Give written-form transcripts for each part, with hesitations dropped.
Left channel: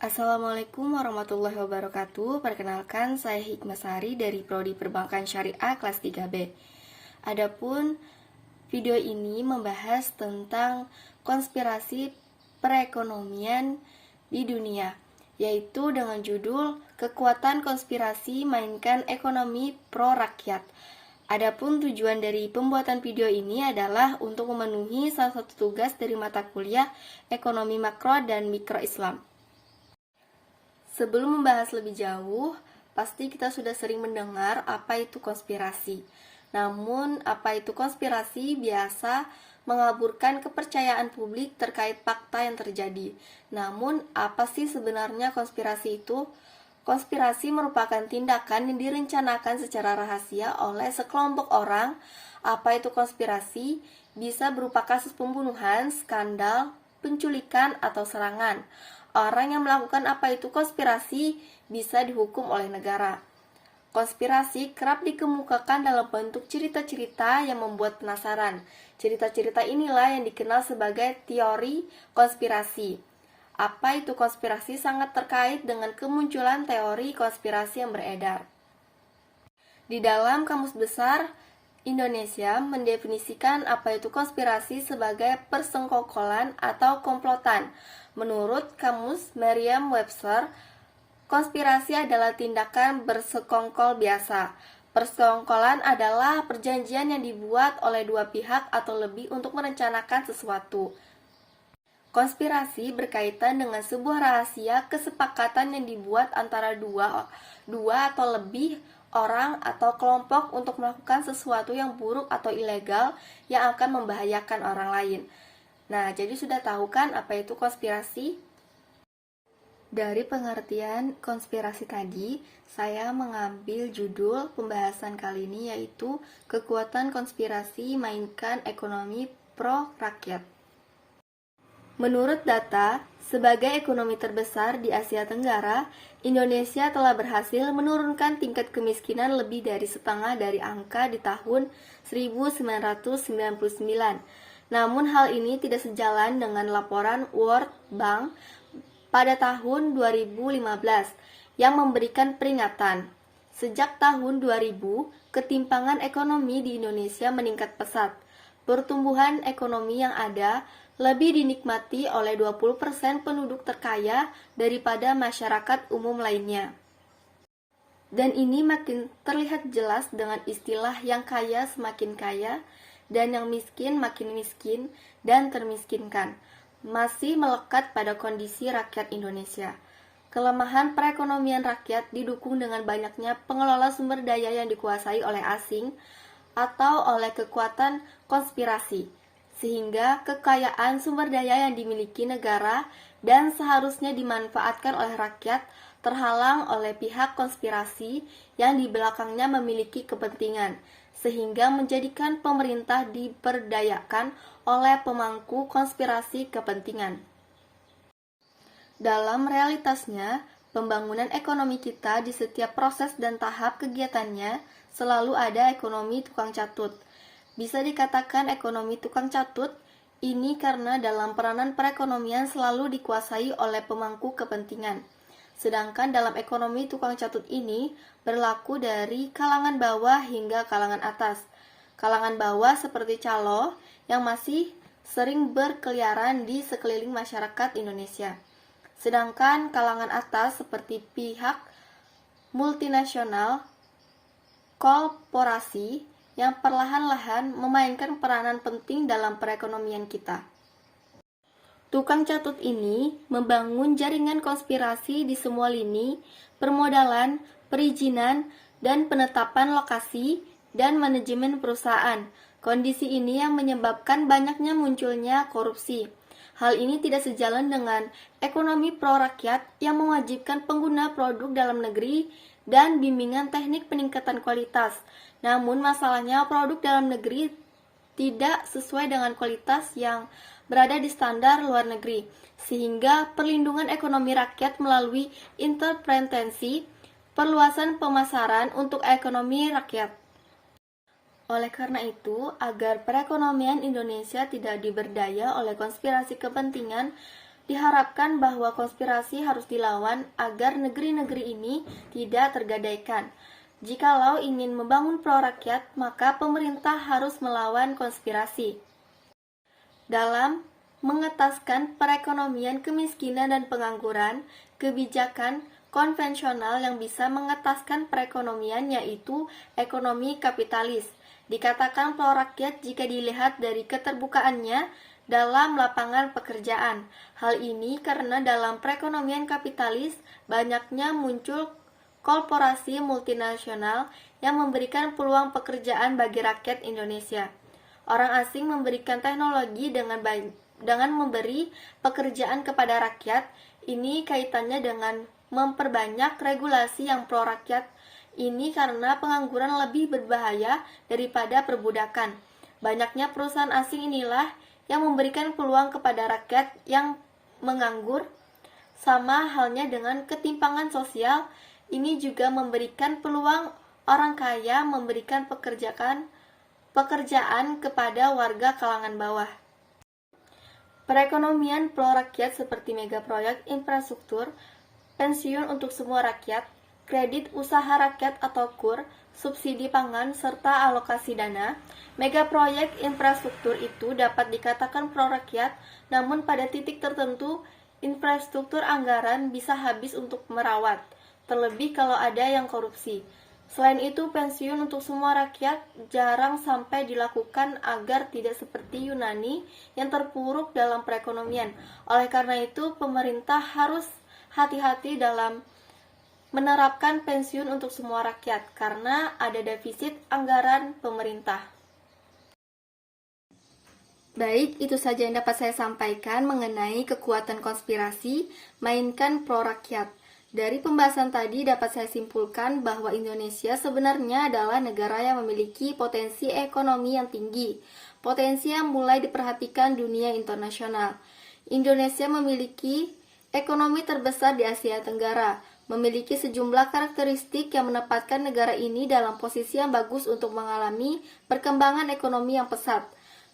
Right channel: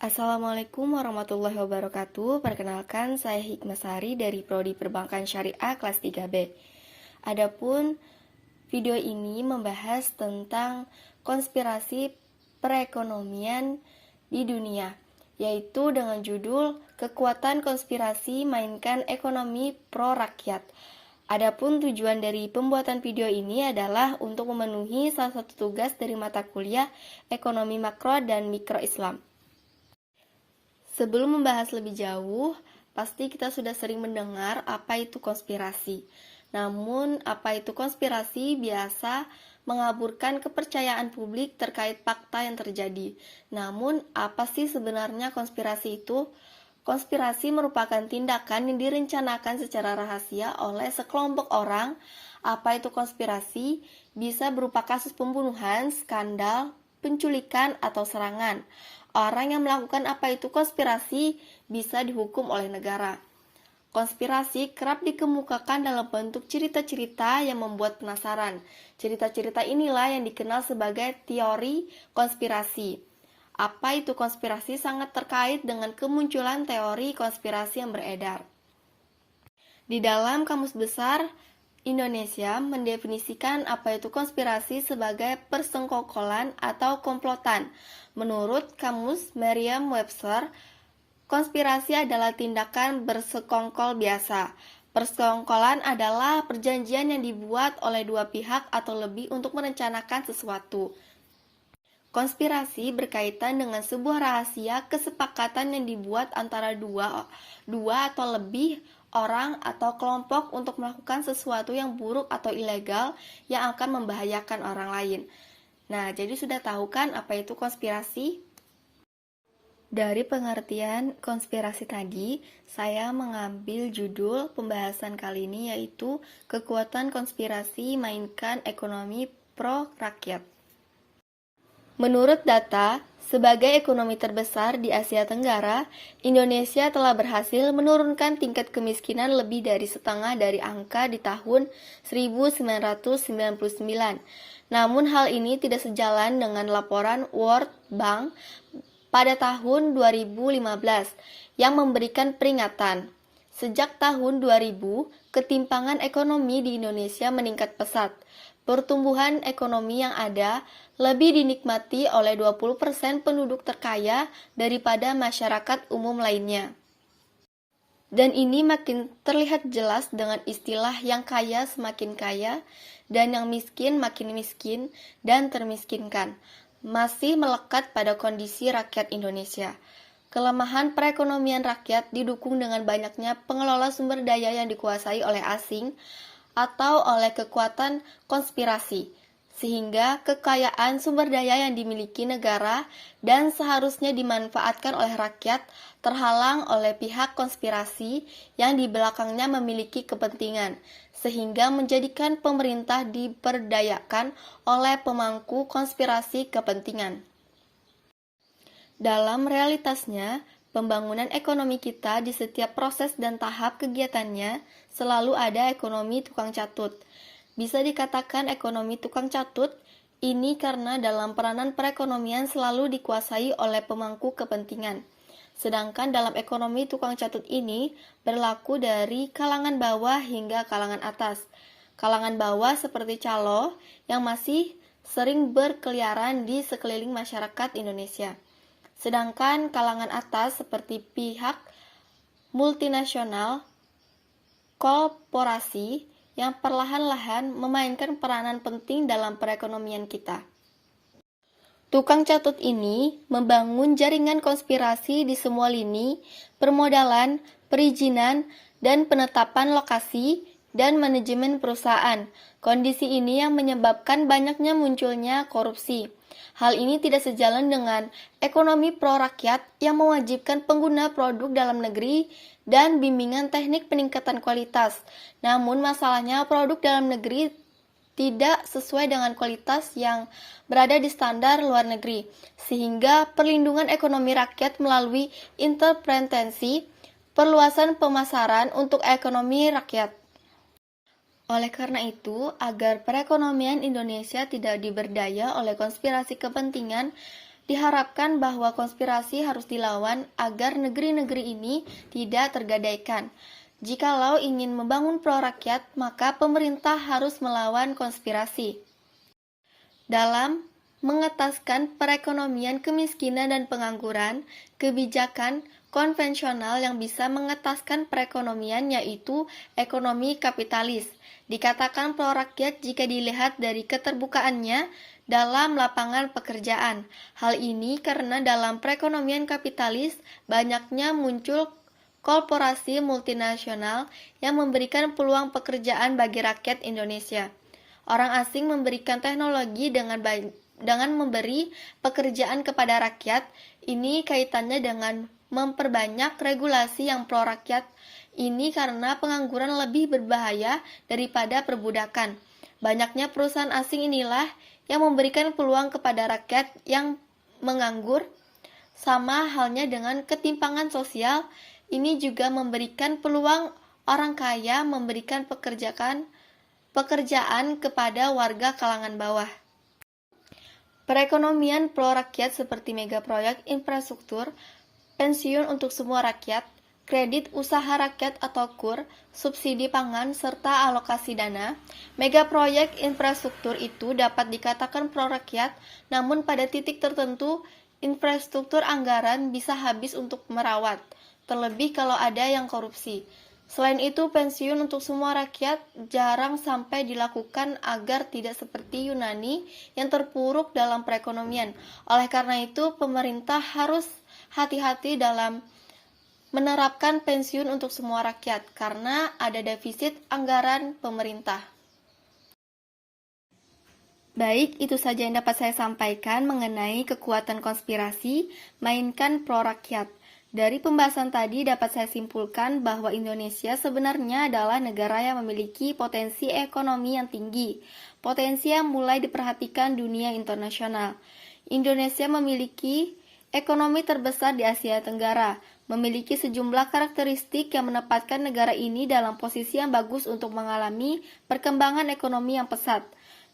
Assalamualaikum warahmatullahi wabarakatuh. Perkenalkan, saya Hikmasari dari Prodi Perbankan Syariah kelas 3B. Adapun video ini membahas tentang konspirasi perekonomian di dunia, yaitu dengan judul Kekuatan Konspirasi Mainkan Ekonomi Pro Rakyat. Adapun tujuan dari pembuatan video ini adalah untuk memenuhi salah satu tugas dari mata kuliah Ekonomi Makro dan Mikro Islam. Sebelum membahas lebih jauh, pasti kita sudah sering mendengar apa itu konspirasi. Namun, apa itu konspirasi biasa mengaburkan kepercayaan publik terkait fakta yang terjadi. Namun, apa sih sebenarnya konspirasi itu? Konspirasi merupakan tindakan yang direncanakan secara rahasia oleh sekelompok orang. Apa itu konspirasi? Bisa berupa kasus pembunuhan, skandal, penculikan, atau serangan. Orang yang melakukan apa itu konspirasi bisa dihukum oleh negara. Konspirasi kerap dikemukakan dalam bentuk cerita-cerita yang membuat penasaran. Cerita-cerita inilah yang dikenal sebagai teori konspirasi. Apa itu konspirasi sangat terkait dengan kemunculan teori konspirasi yang beredar. Di dalam Kamus Besar Indonesia mendefinisikan apa itu konspirasi sebagai persengkokolan atau komplotan. Menurut Kamus Merriam-Webster, konspirasi adalah tindakan bersekongkol biasa. Persekongkolan adalah perjanjian yang dibuat oleh dua pihak atau lebih untuk merencanakan sesuatu. Konspirasi berkaitan dengan sebuah rahasia kesepakatan yang dibuat antara dua atau lebih orang atau kelompok untuk melakukan sesuatu yang buruk atau ilegal yang akan membahayakan orang lain. Nah, jadi sudah tahu kan apa itu konspirasi? Dari pengertian konspirasi tadi, saya mengambil judul pembahasan kali ini yaitu Kekuatan Konspirasi Mainkan Ekonomi Pro Rakyat. Menurut data, sebagai ekonomi terbesar di Asia Tenggara, Indonesia telah berhasil menurunkan tingkat kemiskinan lebih dari setengah dari angka di tahun 1999. Namun hal ini tidak sejalan dengan laporan World Bank pada tahun 2015 yang memberikan peringatan. Sejak tahun 2000, ketimpangan ekonomi di Indonesia meningkat pesat. Pertumbuhan ekonomi yang ada lebih dinikmati oleh 20% penduduk terkaya daripada masyarakat umum lainnya. Dan ini makin terlihat jelas dengan istilah yang kaya semakin kaya dan yang miskin makin miskin dan termiskinkan, masih melekat pada kondisi rakyat Indonesia. Kelemahan perekonomian rakyat didukung dengan banyaknya pengelola sumber daya yang dikuasai oleh asing atau oleh kekuatan konspirasi, sehingga kekayaan sumber daya yang dimiliki negara dan seharusnya dimanfaatkan oleh rakyat terhalang oleh pihak konspirasi yang di belakangnya memiliki kepentingan, sehingga menjadikan pemerintah diperdayakan oleh pemangku konspirasi kepentingan. Dalam realitasnya, pembangunan ekonomi kita di setiap proses dan tahap kegiatannya selalu ada ekonomi tukang catut. Bisa dikatakan ekonomi tukang catut ini karena dalam peranan perekonomian selalu dikuasai oleh pemangku kepentingan. Sedangkan dalam ekonomi tukang catut ini berlaku dari kalangan bawah hingga kalangan atas. Kalangan bawah seperti calo yang masih sering berkeliaran di sekeliling masyarakat Indonesia. Sedangkan kalangan atas seperti pihak multinasional, korporasi yang perlahan-lahan memainkan peranan penting dalam perekonomian kita. Tukang catut ini membangun jaringan konspirasi di semua lini, permodalan, perizinan, dan penetapan lokasi dan manajemen perusahaan. Kondisi ini yang menyebabkan banyaknya munculnya korupsi. Hal ini tidak sejalan dengan ekonomi pro rakyat yang mewajibkan pengguna produk dalam negeri dan bimbingan teknik peningkatan kualitas. Namun masalahnya produk dalam negeri tidak sesuai dengan kualitas yang berada di standar luar negeri, sehingga perlindungan ekonomi rakyat melalui intervensi perluasan pemasaran untuk ekonomi rakyat. Oleh karena itu, agar perekonomian Indonesia tidak diberdaya oleh konspirasi kepentingan Diharapkan bahwa konspirasi harus dilawan agar negeri-negeri ini tidak tergadaikan. Jikalau ingin membangun pro-rakyat, maka pemerintah harus melawan konspirasi. Dalam mengetaskan perekonomian kemiskinan dan pengangguran, kebijakan konvensional yang bisa mengetaskan perekonomian yaitu ekonomi kapitalis. Dikatakan pro-rakyat jika dilihat dari keterbukaannya dalam lapangan pekerjaan. Hal ini karena dalam perekonomian kapitalis banyaknya muncul korporasi multinasional yang memberikan peluang pekerjaan bagi rakyat Indonesia. Orang asing memberikan teknologi dengan memberi pekerjaan kepada rakyat. Ini kaitannya dengan memperbanyak regulasi yang pro rakyat. Ini karena pengangguran lebih berbahaya daripada perbudakan. Banyaknya perusahaan asing inilah yang memberikan peluang kepada rakyat yang menganggur. Sama halnya dengan ketimpangan sosial, ini juga memberikan peluang orang kaya memberikan pekerjaan kepada warga kalangan bawah. Perekonomian pro-rakyat seperti megaproyek infrastruktur, pensiun untuk semua rakyat, kredit usaha rakyat atau KUR, subsidi pangan, serta alokasi dana. Megaproyek infrastruktur itu dapat dikatakan pro-rakyat, namun pada titik tertentu, infrastruktur anggaran bisa habis untuk merawat, terlebih kalau ada yang korupsi. Selain itu, pensiun untuk semua rakyat jarang sampai dilakukan agar tidak seperti Yunani yang terpuruk dalam perekonomian. Oleh karena itu, pemerintah harus hati-hati dalam menerapkan pensiun untuk semua rakyat karena ada defisit anggaran pemerintah. Baik, itu saja yang dapat saya sampaikan mengenai kekuatan konspirasi mainkan pro-rakyat. Dari pembahasan tadi dapat saya simpulkan bahwa Indonesia sebenarnya adalah negara yang memiliki potensi ekonomi yang tinggi, potensi yang mulai diperhatikan dunia internasional. Indonesia memiliki ekonomi terbesar di Asia Tenggara, memiliki sejumlah karakteristik yang menempatkan negara ini dalam posisi yang bagus untuk mengalami perkembangan ekonomi yang pesat.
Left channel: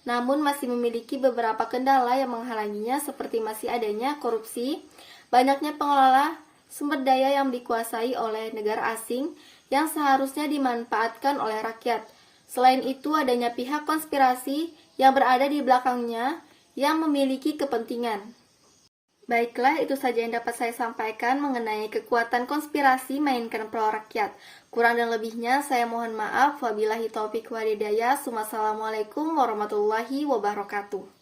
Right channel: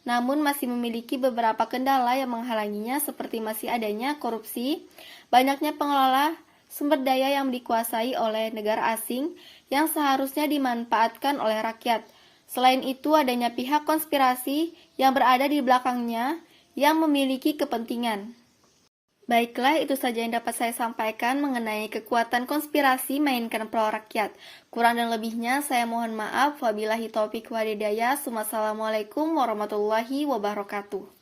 Namun masih memiliki beberapa kendala yang menghalanginya seperti masih adanya korupsi, banyaknya pengelola sumber daya yang dikuasai oleh negara asing yang seharusnya dimanfaatkan oleh rakyat. Selain itu, adanya pihak konspirasi yang berada di belakangnya yang memiliki kepentingan. Baiklah, itu saja yang dapat saya sampaikan mengenai kekuatan konspirasi mainkan pro rakyat. Kurang dan lebihnya saya mohon maaf. Wabillahi taufiq wal hidayah. Wassalamualaikum warahmatullahi wabarakatuh.